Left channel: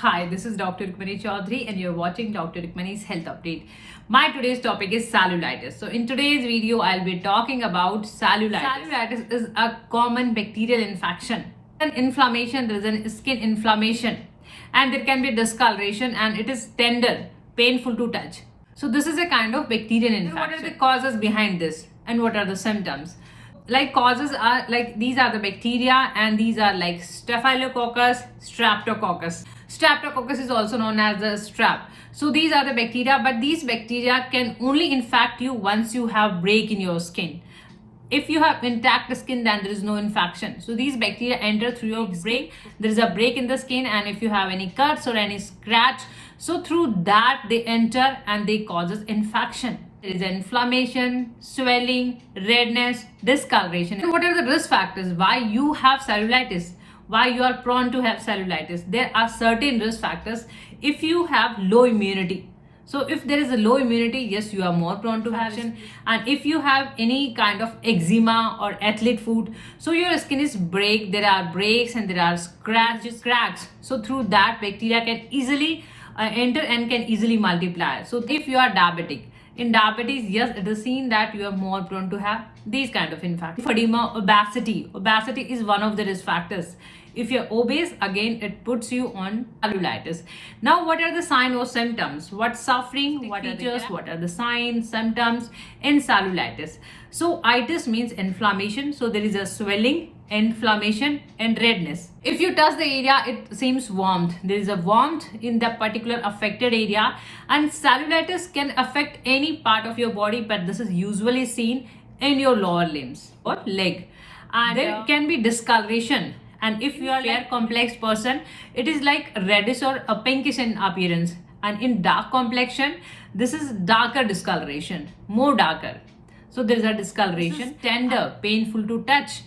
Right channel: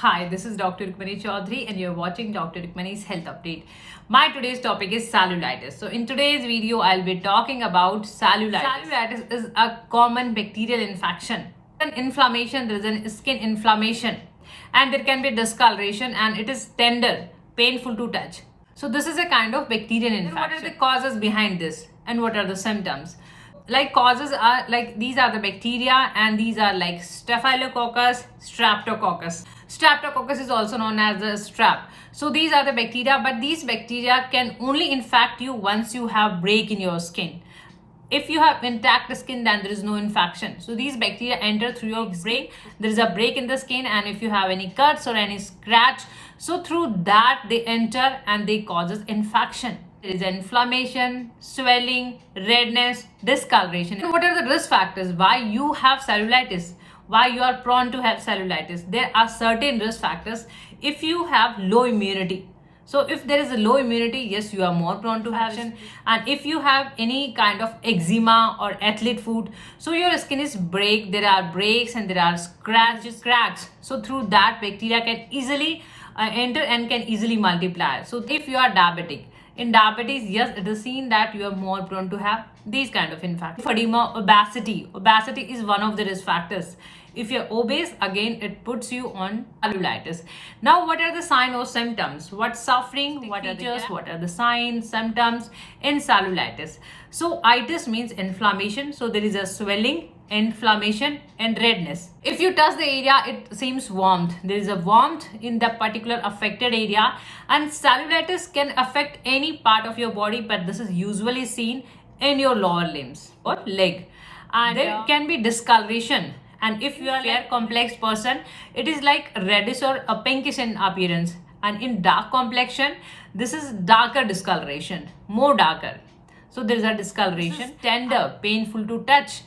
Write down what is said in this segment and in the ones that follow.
Hi, this is Dr.RUkmani Choudhary and you're watching Dr.RUkmani's Health Update. My today's topic is cellulitis. So in today's video, I'll be talking about cellulitis. Cellulitis is a common bacterial infection. An inflammation, there is an skin inflammation and there can be discoloration and it is tender, painful to touch. So this is a kind of bacterial infection. What are the causes behind this and what are the symptoms? Like causes are like these are the bacteria and these are like staphylococcus, streptococcus. Streptococcus is also known as the strep. So these are the bacteria, but these bacteria can only infect you once you have break in your skin. If you have intact skin, then there is no infection. So these bacteria enter through your break. There is a break in the skin, and if you have any cuts or any scratch, so through that they enter and they causes infection. There is inflammation, swelling, redness, discoloration. So what are the risk factors? Why you have cellulitis? Why you are prone to have cellulitis? There are certain risk factors. If you have low immunity, so if there is a low immunity, yes, you are more prone to have it. And if you have any kind of eczema or athlete foot, so your skin is break, there are breaks and there are cracks. So through that bacteria can easily enter and can easily multiply. So if you are diabetic, in diabetes, yes, it is seen that you are more prone to have these kind of infections. Lymphedema, obesity. Obesity is one of the risk factors. If you're obese, again, it puts you on cellulitis. Now, what are the signs or symptoms? What's suffering? What are the features? What are the signs, symptoms in cellulitis? So, itis means inflammation. So, there is a swelling, inflammation and redness. If you touch the area, it seems warmth. There is a warmth in the particular affected area, and cellulitis can affect any part of your body, but this is usually seen in your lower limbs or leg. And there can be discoloration. And if you are a fair complex person, it is like reddish or a pinkish in appearance. And in dark complexion, this is darker discoloration, more darker. So there is a discoloration, tender, painful to touch.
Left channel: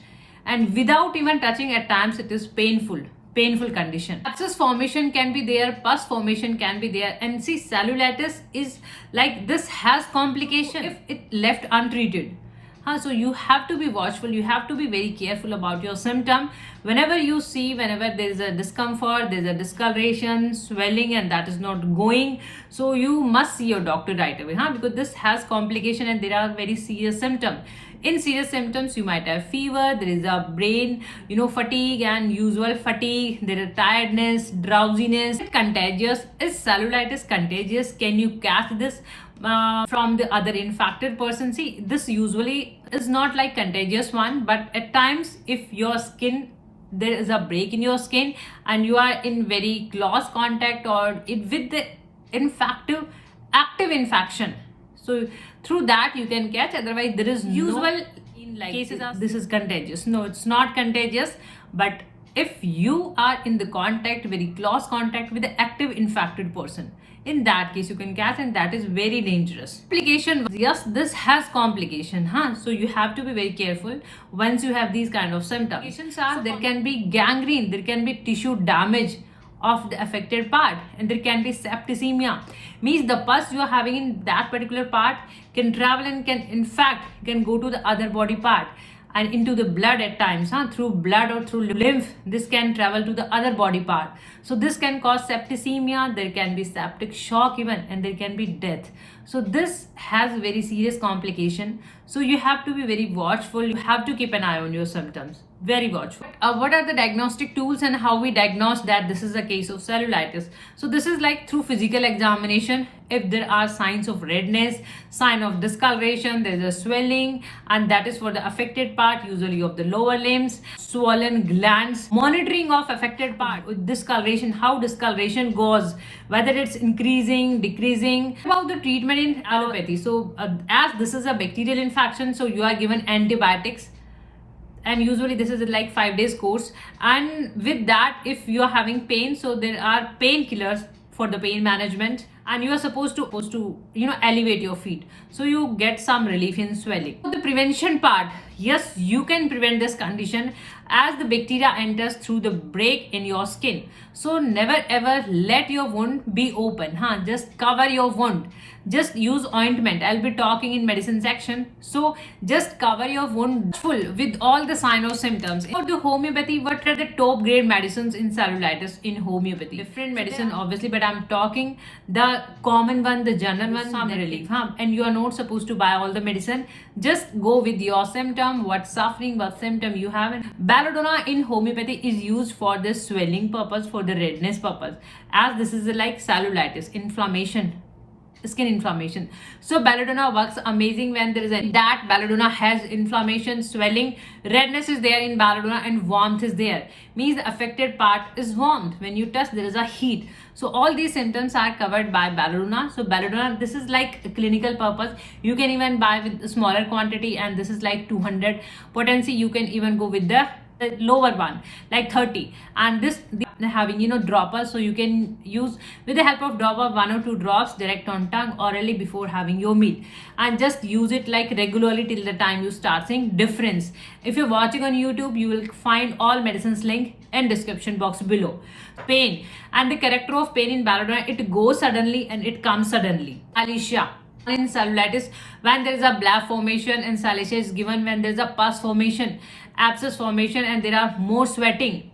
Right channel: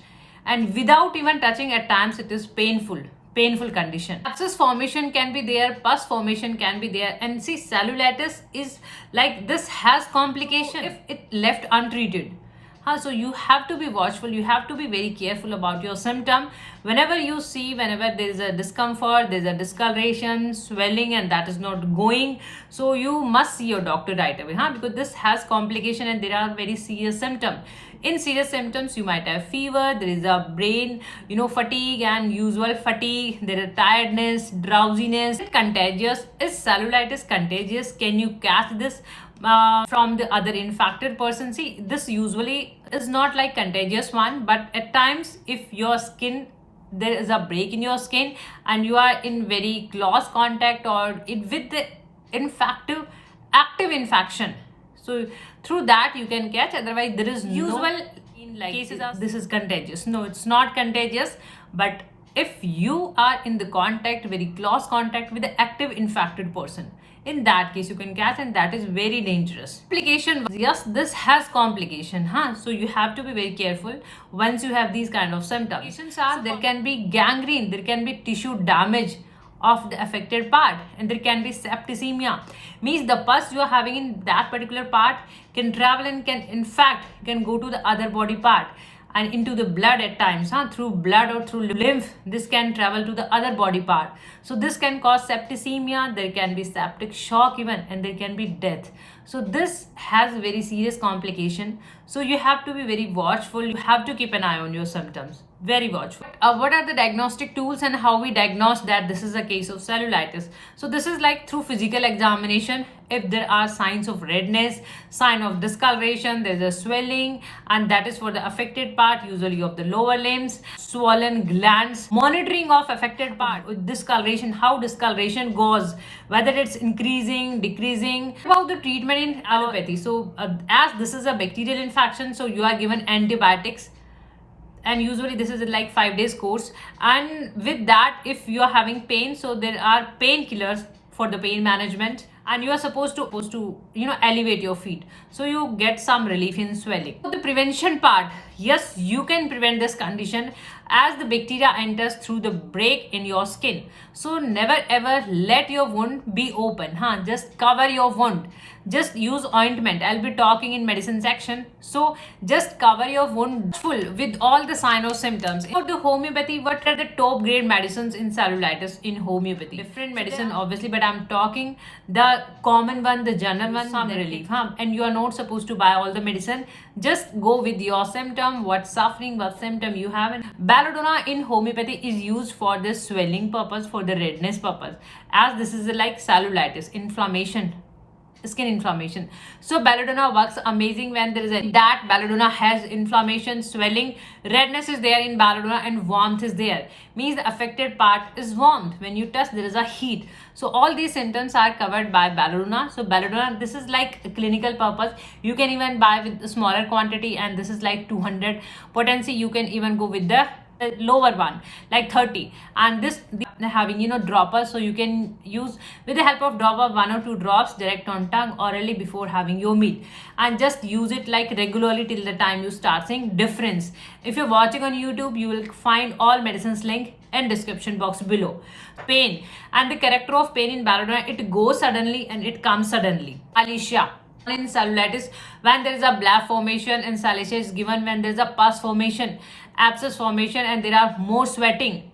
And without even touching, at times it is painful condition. Abscess formation can be there, pus formation can be there. And see, cellulitis is like this has complication if it left untreated. So you have to be watchful, you have to be very careful about your symptom. Whenever there is a discomfort, there is a discoloration, swelling, and that is not going, so you must see your doctor right away, because this has complication and there are very serious symptoms. In serious symptoms, you might have fever, there is a brain, fatigue and usual fatigue, there is tiredness, drowsiness. Contagious. Is cellulitis contagious? Can you catch this from the other infected person? See, this usually is not like contagious one, but at times if your skin, there is a break in your skin and you are in very close contact or with the active infection, so through that you can catch. Otherwise there is usual in like cases of this is contagious. No, it's not contagious, but if you are in the very close contact with the active infected person, in that case you can catch, and that is very dangerous. Complication, yes, this has complication, so you have to be very careful once you have these kind of symptoms. There can be gangrene, there can be tissue damage of the affected part, and there can be septicemia, means the pus you are having in that particular part can travel and can go to the other body part and into the blood at times, through blood or through lymph, this can travel to the other body part. So this can cause septicemia, there can be septic shock even, and there can be death. So this has very serious complication. So you have to be very watchful. You have to keep an eye on your symptoms. Very watchful. What are the diagnostic tools and how we diagnose that this is a case of cellulitis? So this is like through physical examination. If there are signs of redness, sign of discoloration, there is a swelling, and that is for the affected part, usually of the lower limbs, swollen glands, monitoring of affected part with discoloration, how discoloration goes, whether it's increasing, decreasing. About the treatment in allopathy. So as this is a bacterial infection, so you are given antibiotics, and usually this is like 5 days course. And with that, if you are having pain, so there are painkillers for the pain management, and you are supposed to elevate your feet, so you get some relief in swelling. The prevention part, yes, you can prevent this condition as the bacteria enters through the break in your skin. So never ever let your wound be open, just cover your wound. just use ointment. I'll be talking in medicine section. So just cover your wound full with all the sign or symptoms. Go to homeopathy. What are the top grade medicines in cellulitis in homeopathy? Different medicine obviously, but I'm talking the common one, the general one, some relief. And you are not supposed to buy all the medicine. Just go with your symptom, what suffering, what symptom you have. And belladonna in homeopathy is used for the swelling purpose, for the redness purpose, as this is like cellulitis, inflammation, skin inflammation. So belladonna works amazing when there is that belladonna has inflammation, swelling, redness is there in belladonna, and warmth is there. Means the affected part is warmth. When you touch, there is a heat. So all these symptoms are covered by belladonna. So belladonna, this is like a clinical purpose. You can even buy with a smaller quantity, and this is like 200 potency. You can even go with the lower one like 30, and this having droppers, so you can use with the help of dropper 1 or 2 drops direct on tongue orally before having your meal, and just use it like regularly till the time you start seeing difference. If you're watching on YouTube, you will find all medicines link in description box below. Pain and the character of pain in belladonna, it goes suddenly and it comes suddenly. Alicia in cellulitis, when there is a bleb formation, and salicia is given when there is a pus formation, abscess formation, and there are more sweating,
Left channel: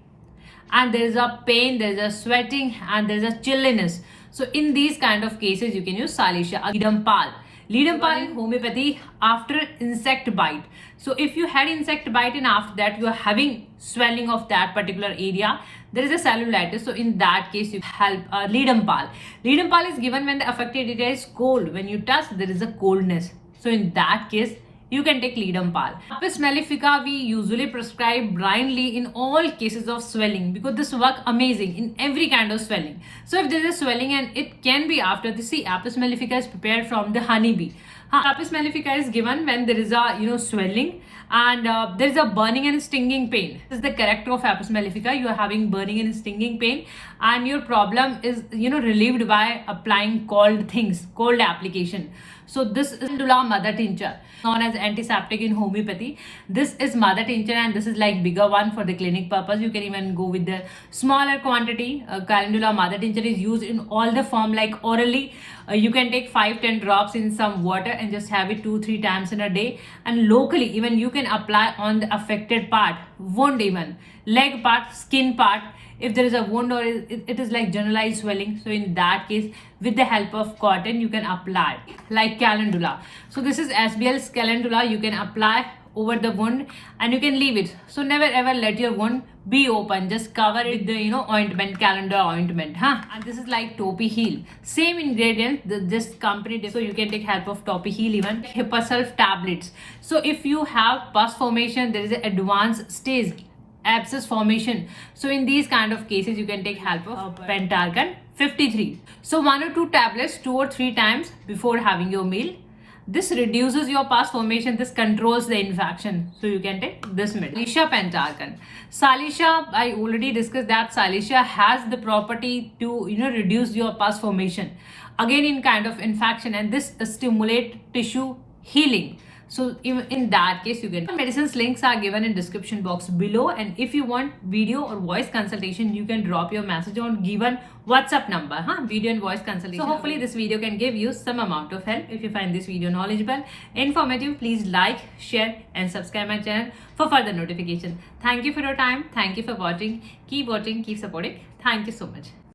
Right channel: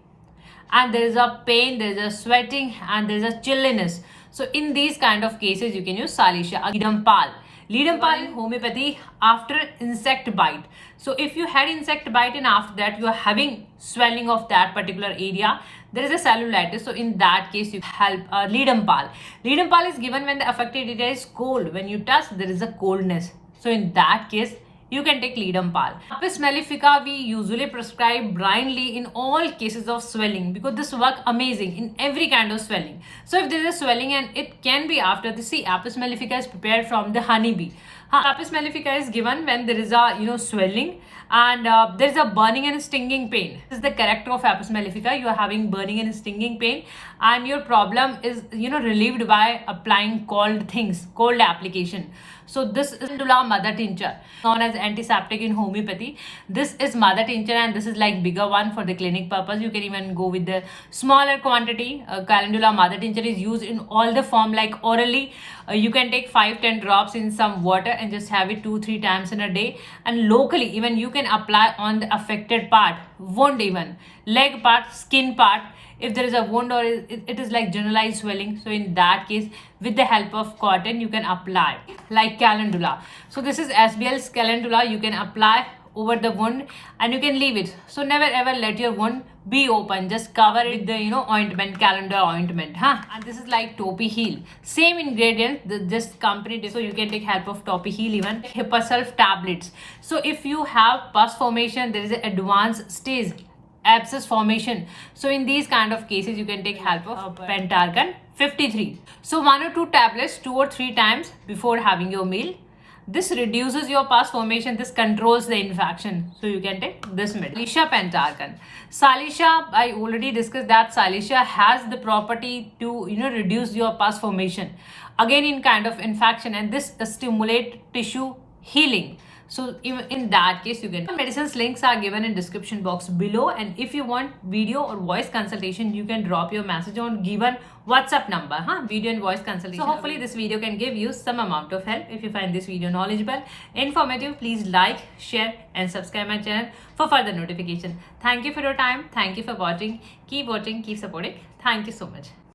and there is a pain, there is a sweating, and there is a chilliness. So in these kind of cases, you can use salicia. Leadum pal in homeopathy after insect bite. So if you had insect bite and after that you are having swelling of that particular area, there is a cellulitis. So in that case, you help leadum pal. Leadum pal is given when the affected area is cold. When you touch, there is a coldness. So in that case, you can take leadum pal. Apis mellifica we usually prescribe blindly in all cases of swelling, because this works amazing in every kind of swelling. So if there is a swelling, and it can be after the Apis mellifica is prepared from the honeybee. Apis mellifica is given when there is a swelling, and there is a burning and stinging pain. This is the character of Apis mellifica. You are having burning and stinging pain, and your problem is relieved by applying cold things, cold application. So this is calendula mother tincture, known as antiseptic in homeopathy. This is mother tincture, and this is like bigger one for the clinic purpose. You can even go with the smaller quantity. Calendula mother tincture is used in all the form, like orally. You can take 5-10 drops in some water and just have it 2-3 times in a day. And locally, even you can apply on the affected part, wound, even leg part, skin part. If there is a wound or it is like generalized swelling, so in that case, with the help of cotton, you can apply like calendula. So this is SBL's calendula. You can apply over the wound and you can leave it. So never ever let your wound be open. Just cover it with the ointment, calendula ointment. And this is like Topi Heal. Same ingredient, this company. So you can take help of Topi Heal, even Hipposulf tablets. So if you have pus formation, there is an advanced stage, abscess formation. So in these kind of cases, you can take help of Pentargan 53. So 1 or 2 tablets 2 or 3 times before having your meal. This reduces your pus formation. This controls the infection. So you can take this medicine. Salicia Pentargan. Salicia, I already discussed that Salicia has the property to reduce your pus formation. Again, in kind of infection, and this stimulate tissue healing. So in that case, you can. Medicines links are given in description box below, and if you want video or voice consultation, you can drop your message on given WhatsApp number. Video and voice consultation. So hopefully this video can give you some amount of help. If you find this video knowledgeable, informative, please like, share and subscribe my channel for further notification. Thank you for your time. Thank you for watching. Keep watching, keep supporting. Thank you so much.